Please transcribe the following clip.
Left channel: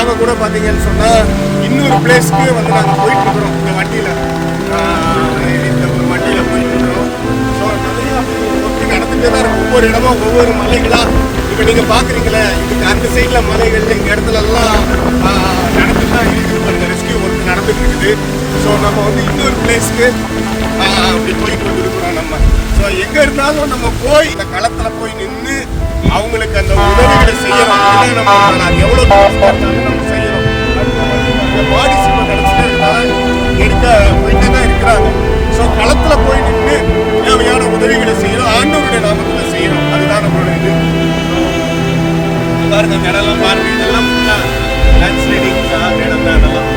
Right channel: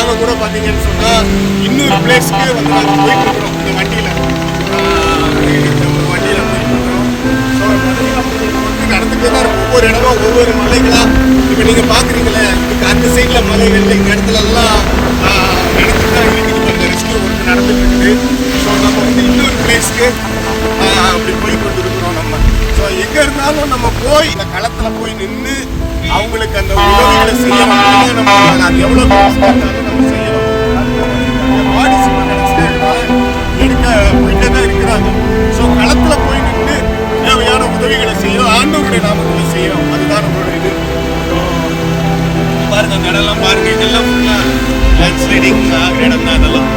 நாங்கள் கூட பார்த்தீங்கன்னு சொன்னால் இன்னொரு பிளேஸ்க்கு வந்து நாங்கள் போயிட்டுருக்குறோம் இந்த வண்டியில். இந்த ஒரு வண்டியில் போயிட்டுருக்குறோம். ஸோ நிறைய நடந்துகிட்டே தான் இருக்கும். ஒவ்வொரு இடமும் ஒவ்வொரு மலைகளாக இப்போ நீங்கள் பார்க்குறீங்களே, இதுக்கு அந்த சைடில் மலைகள் எங்கள் இடத்துலலாம் நடந்துட்டு தான் இருக்குது. அந்த ரெஸ்கியூ ஒர்க் நடந்துட்டு இருக்குது. ஸோ நம்ம வந்து இன்னொரு பிளேஸ்க்கு அப்படி போய் கொண்டு இருக்கிறோம் நம்ம. ஸோ எங்கே இருந்தாலும் நம்ம போய் இந்த களத்தில் போய் நின்று அவங்களுக்கு அந்த உதவிகளை செய்யறோம். நம்ம அது எவ்வளோ இருந்தாலும் நம்ம செய்யறோம். பாடி எடுக்க போயிட்டே தான் இருக்கிறாங்க. ஸோ களத்தில் போய் நின்று தேவையான உதவிகளை செய்யறோம். ஆண்டவருடைய நாமத்தை செய்யறோம். அதுதான் நம்மளோட இது. பாருங்க அந்த இடம்லாம் பாருங்க, இதெல்லாம் ஃபுல்லாக லேண்ட் ஸ்லைடிங் இடம் தான். அதெல்லாம்